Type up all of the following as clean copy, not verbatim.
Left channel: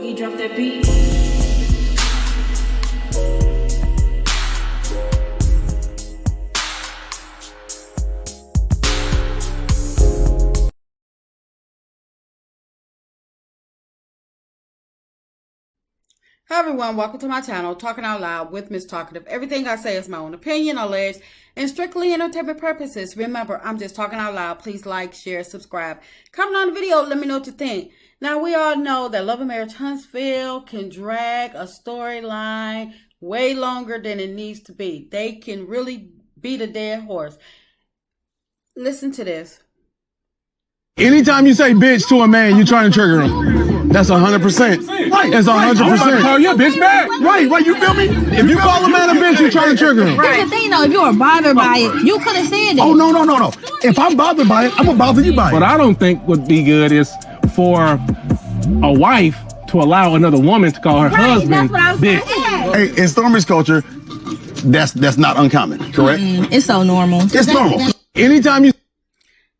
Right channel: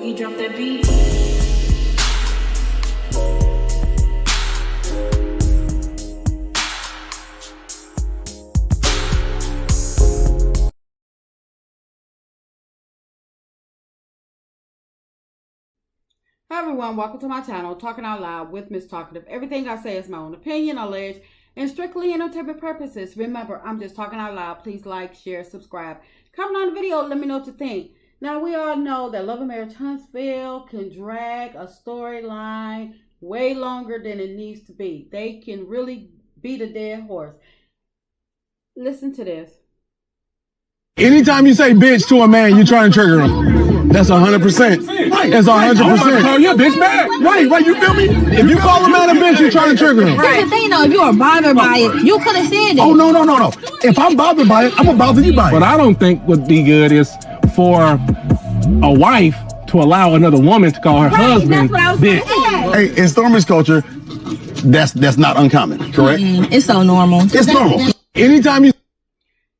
Boogie, drop that beat. Hi everyone, welcome to my channel, Talking Out Loud with Miss Talkative. Everything I say is my own opinion, alleged, and strictly entertainment purposes. Remember, I'm just talking out loud. Please like, share, subscribe. Comment on the video, let me know what you think. Now, we all know that Love and Marriage Huntsville can drag a storyline way longer than it needs to be. They can really beat a dead horse. Listen to this. Anytime you say bitch to a man, you're trying to trigger him. That's 100%. Right. That's 100%. Call your bitch back. Right. You feel me? If you call a man a bitch, you're trying to trigger him. Right. Here's the thing, though. If you were bothered by it, you could have said it. Oh, no. If I'm bothered by it, I'm going to bother you by it. What I don't think would be good is for a wife to allow another woman to call her husband bitch. Hey, in Stormi's culture, that's not uncommon, correct? It's so normal. It's normal. Anytime you...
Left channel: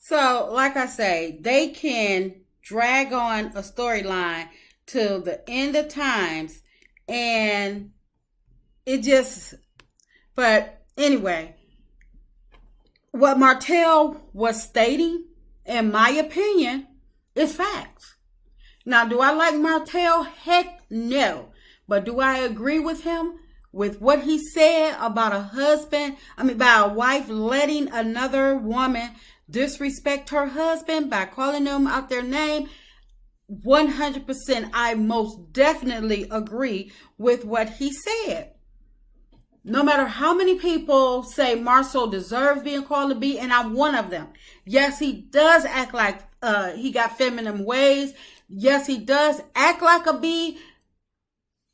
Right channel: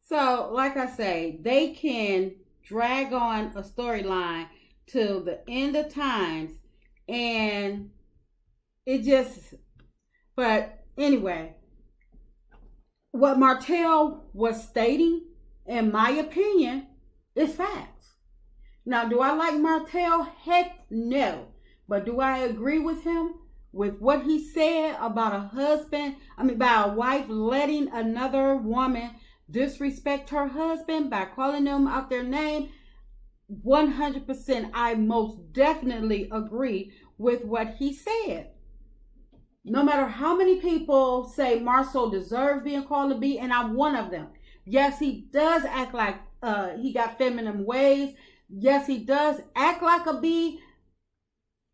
So, like I say, they can drag on a storyline till the end of times, and it just, but anyway, what Martell was stating, in my opinion, is facts. Now, do I like Martell? Heck no. But do I agree with him? With what he said about about a wife letting another woman disrespect her husband by calling them out their name? 100%, I most definitely agree with what he said. No matter how many people say Marsau deserves being called a B, and I'm one of them. Yes, he does act like he got feminine ways. Yes, he does act like a B,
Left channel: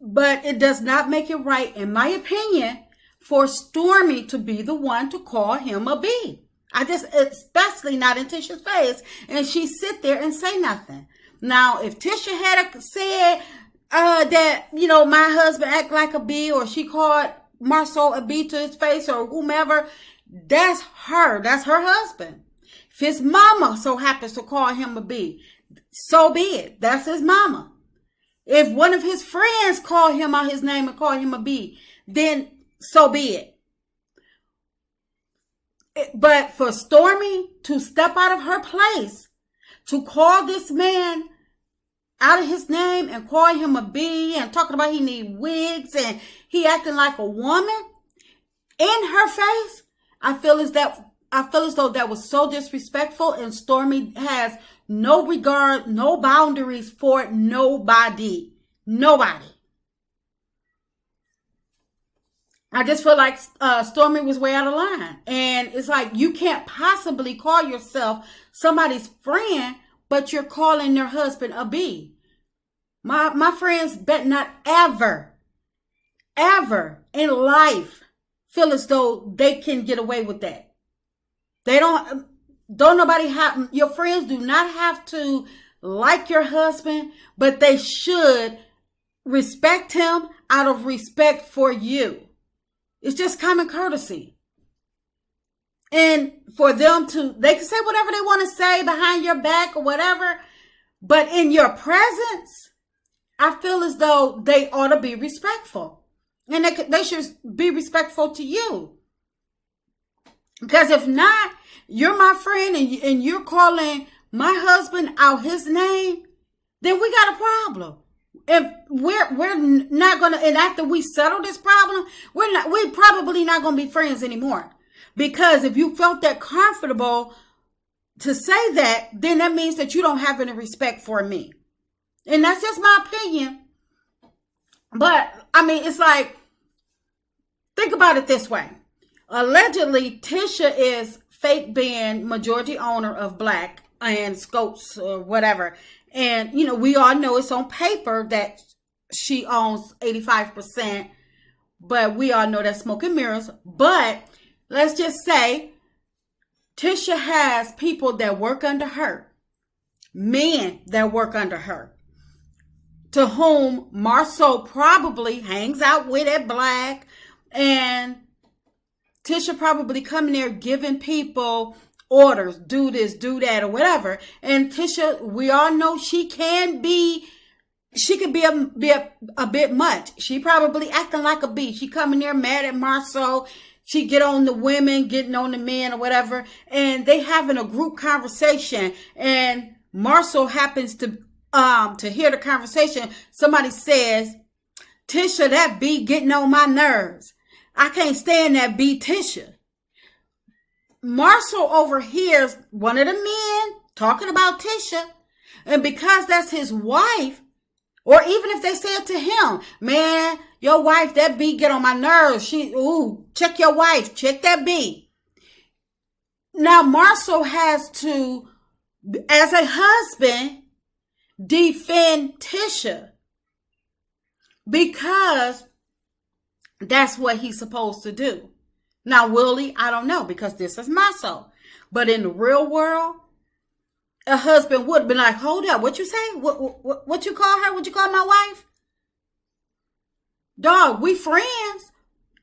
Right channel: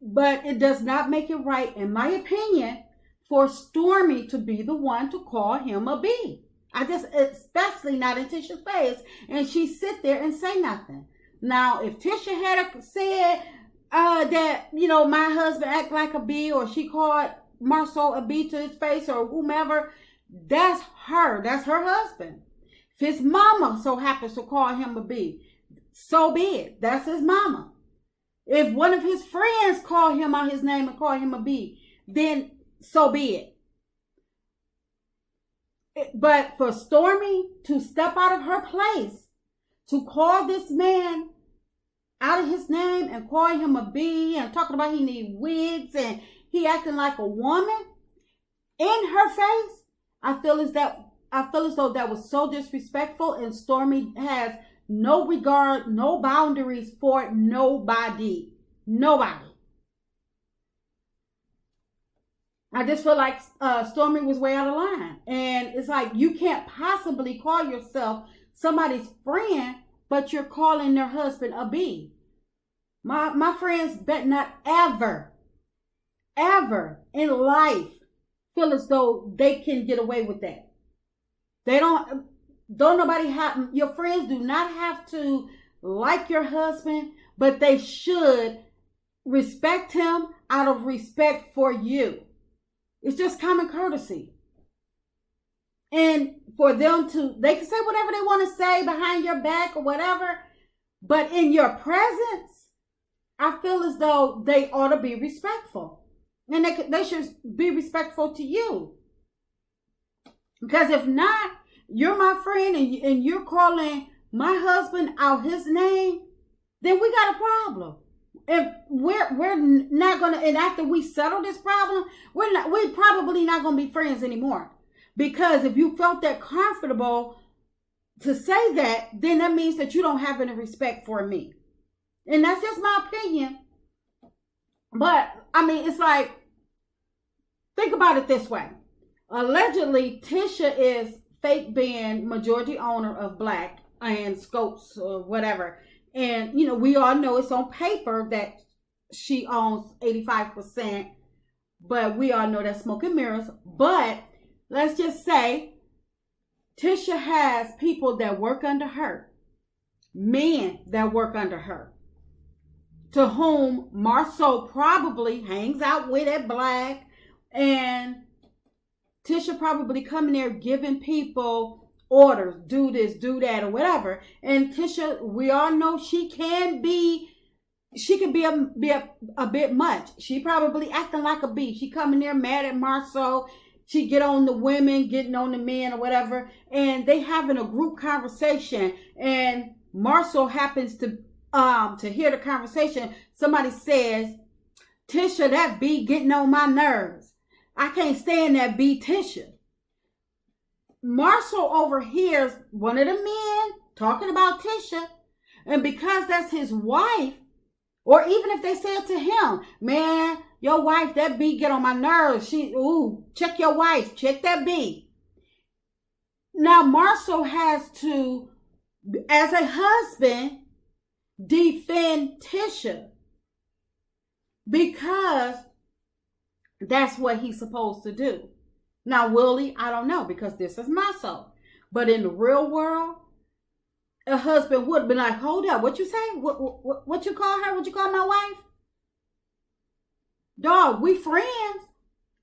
but it does not make it right, in my opinion, for Stormi to be the one to call him a B. Especially not in Tisha's face, and she sit there and say nothing. Now, if Tisha had said that, my husband act like a B, or she called Marsau a B to his face, or whomever, that's her husband. If his mama so happens to call him a B, so be it. That's his mama. If one of his friends call him out his name and call him a B, then so be it. But for Stormi to step out of her place, to call this man out of his name and call him a B, and talking about he need wigs and he acting like a woman in her face, I feel as though that was so disrespectful, and Stormi has no regard, no boundaries for nobody. I just feel like Stormi was way out of line. And it's like, you can't possibly call yourself somebody's friend, but you're calling their husband a B. My friends bet not ever in life feel as though they can get away with that. They don't nobody have, your friends do not have to like your husband, but they should respect him out of respect for you. It's just common courtesy. And for them they can say whatever they want to say behind your back or whatever, but in your presence, I feel as though they ought to be respectful. And they should be respectful to you. Because if not, you're my friend and you're calling my husband out his name, then we got a problem. If we're not gonna, and after we settle this problem, we're probably not gonna be friends anymore. Because if you felt that comfortable to say that, then that means that you don't have any respect for me. And that's just my opinion. But it's like, think about it this way. Allegedly, Tisha is fake being majority owner of Black and Scopes or whatever. And, we all know it's on paper that she owns 85%, but we all know that's smoke and mirrors. But let's just say Tisha has people that work under her, men that work under her, to whom Marsau probably hangs out with at Black, and Tisha probably coming there giving people orders, do this, do that, or whatever. And Tisha, we all know she can be she could be a bit much. She probably acting like a bee. She coming there mad at Marsau. She get on the women, getting on the men or whatever, and they having a group conversation. And Marsau happens to hear the conversation. Somebody says, "Tisha, that bee getting on my nerves. I can't stand that bee, Tisha." Marsau overhears one of the men talking about Tisha, and because that's his wife, or even if they say it to him, "Man, your wife, that bee get on my nerves. Check your wife, check that bee." Now Marsau has to, as a husband, defend Tisha because that's what he's supposed to do. Now, will he? I don't know, because this is Marsau. But in the real world, a husband would be like, "Hold up, what you say? What you call her? What you call my wife? Dog, we friends."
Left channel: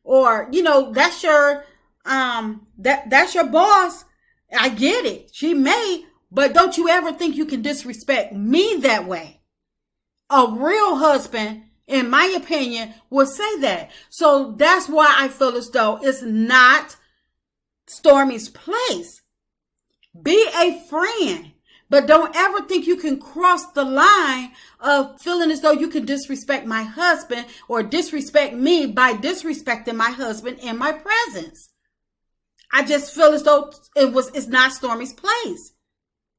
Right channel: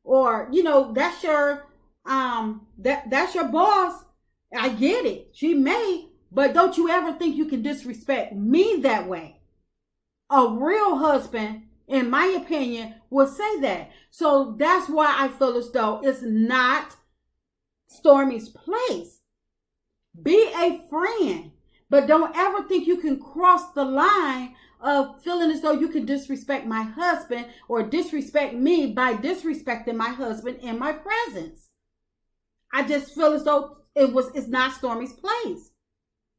Or, that's your that's your boss. I get it. She may, but don't you ever think you can disrespect me that way. A real husband, in my opinion, would say that. So that's why I feel as though it's not Stormi's place. Be a friend, but don't ever think you can cross the line of feeling as though you can disrespect my husband or disrespect me by disrespecting my husband in my presence. I just feel as though it's not Stormi's place.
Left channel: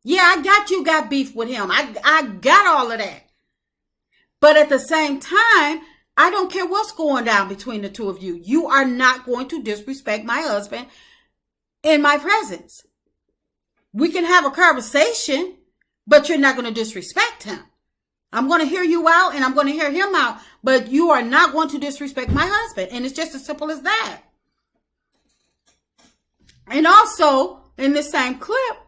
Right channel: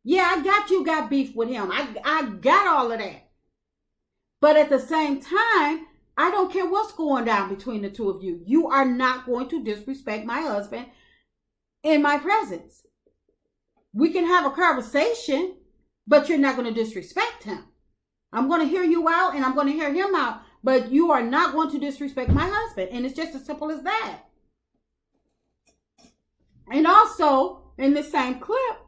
Yeah, you got beef with him. I got all of that. But at the same time, I don't care what's going down between the two of you. You are not going to disrespect my husband in my presence. We can have a conversation, but you're not going to disrespect him. I'm going to hear you out and I'm going to hear him out, but you are not going to disrespect my husband. And it's just as simple as that. And also, in the same clip,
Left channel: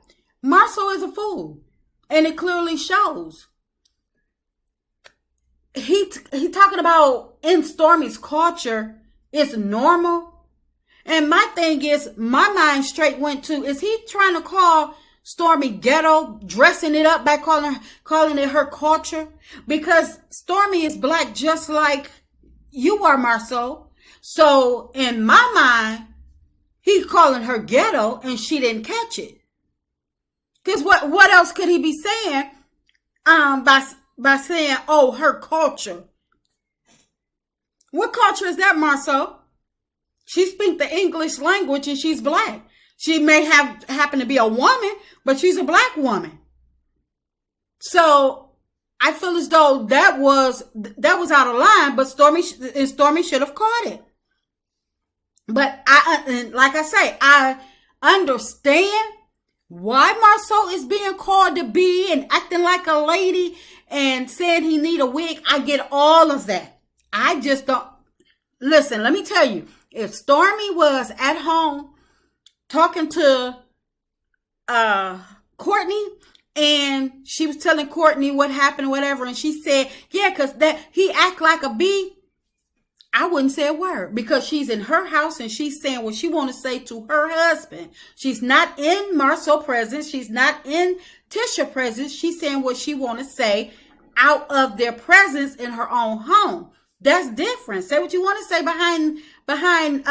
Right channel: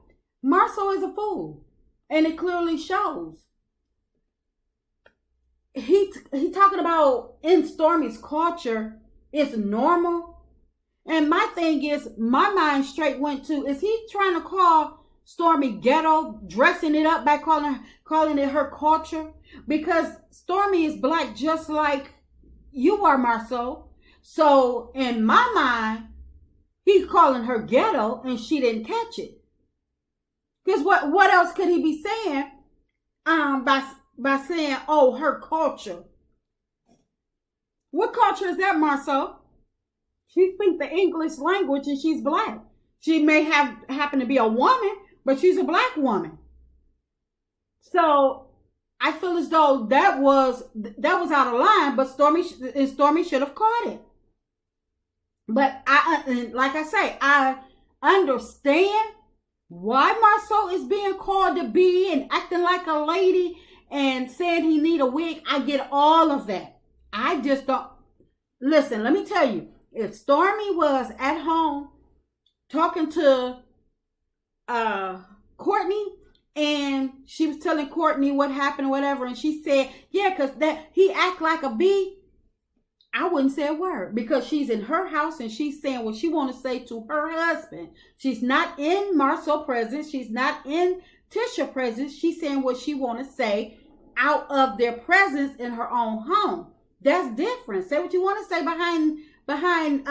Marsau is a fool. And it clearly shows. He talking about in Stormi's culture, it's normal. And my thing is, my mind straight went to, is he trying to call Stormi ghetto, dressing it up by calling it her culture? Because Stormi is black just like you are, Marsau. So in my mind, he's calling her ghetto and she didn't catch it. Because what else could he be saying by saying, "Oh, her culture"? What culture is that, Marsau? She speaks the English language and she's black. She may happen to be a woman, but she's a black woman. So I feel as though that was out of line, but Stormi should have caught it. But like I say, I understand why Marsau is being called to be and acting like a lady and saying he need a wig. I get all of that. I just don't. Listen, let me tell you, if Stormi was at home talking to Courtney and she was telling Courtney what happened or whatever, and she said, "Yeah, because that he act like a bee," I wouldn't say a word, because she's in her house and she's saying what she want to say to her husband. She's not in Marsau's presence. She's not in Tisha's presence. She's saying what she want to say out of their presence in her own home. That's different. Say what you want to say behind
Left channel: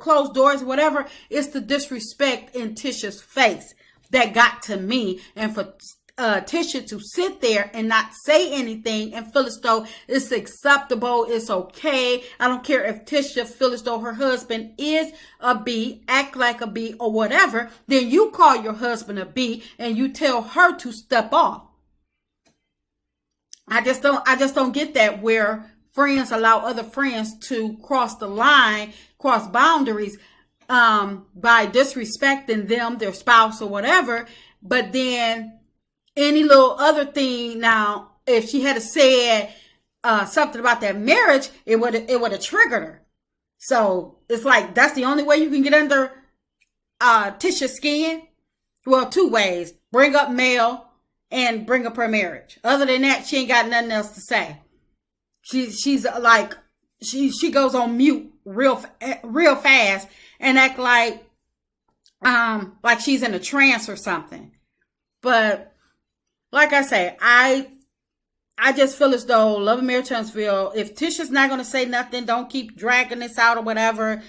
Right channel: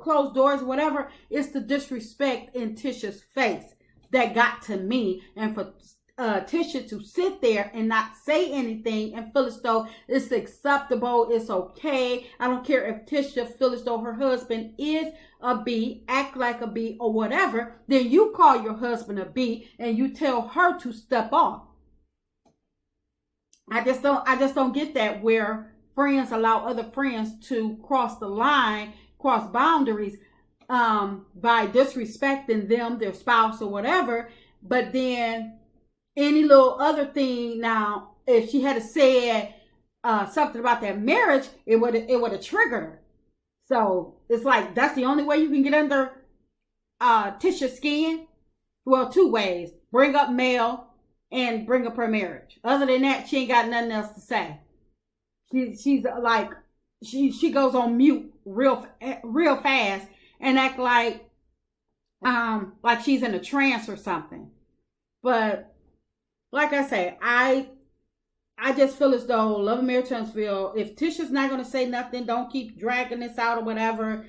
closed doors or whatever. It's the disrespect in Tisha's face that got to me. And for Tisha to sit there and not say anything and feel as though it's acceptable, it's okay. I don't care if Tisha feels as though her husband is a bee, act like a bee or whatever, then you call your husband a bee and you tell her to step off. I just don't get that, where friends allow other friends to cross the line, cross boundaries by disrespecting them, their spouse or whatever. But then any little other thing, now, if she had said something about that marriage, it would have triggered her. So it's like, that's the only way you can get under Tisha's skin. Well, two ways: bring up Mel and bring up her marriage. Other than that, she ain't got nothing else to say. She's like, she goes on mute real fast and act like she's in a trance or something. But like I say, I I just feel as though Love and Mary Tunksville, if Tisha's not going to say nothing, don't keep dragging this out or whatever,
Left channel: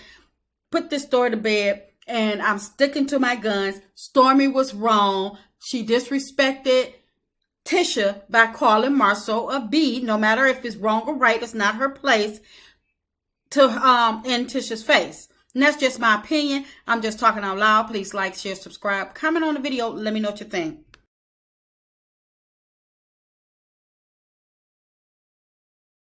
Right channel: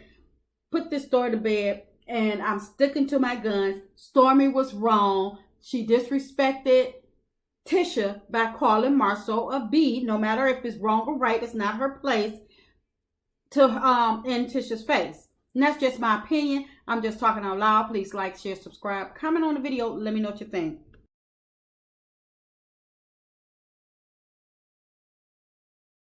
put this story to bed. And I'm sticking to my guns. Stormi was wrong. She disrespected Tisha by calling Marsau a B. No matter if it's wrong or right, it's not her place to in Tisha's face. And that's just my opinion. I'm just talking out loud. Please like, share, subscribe, comment on the video. Let me know what you think.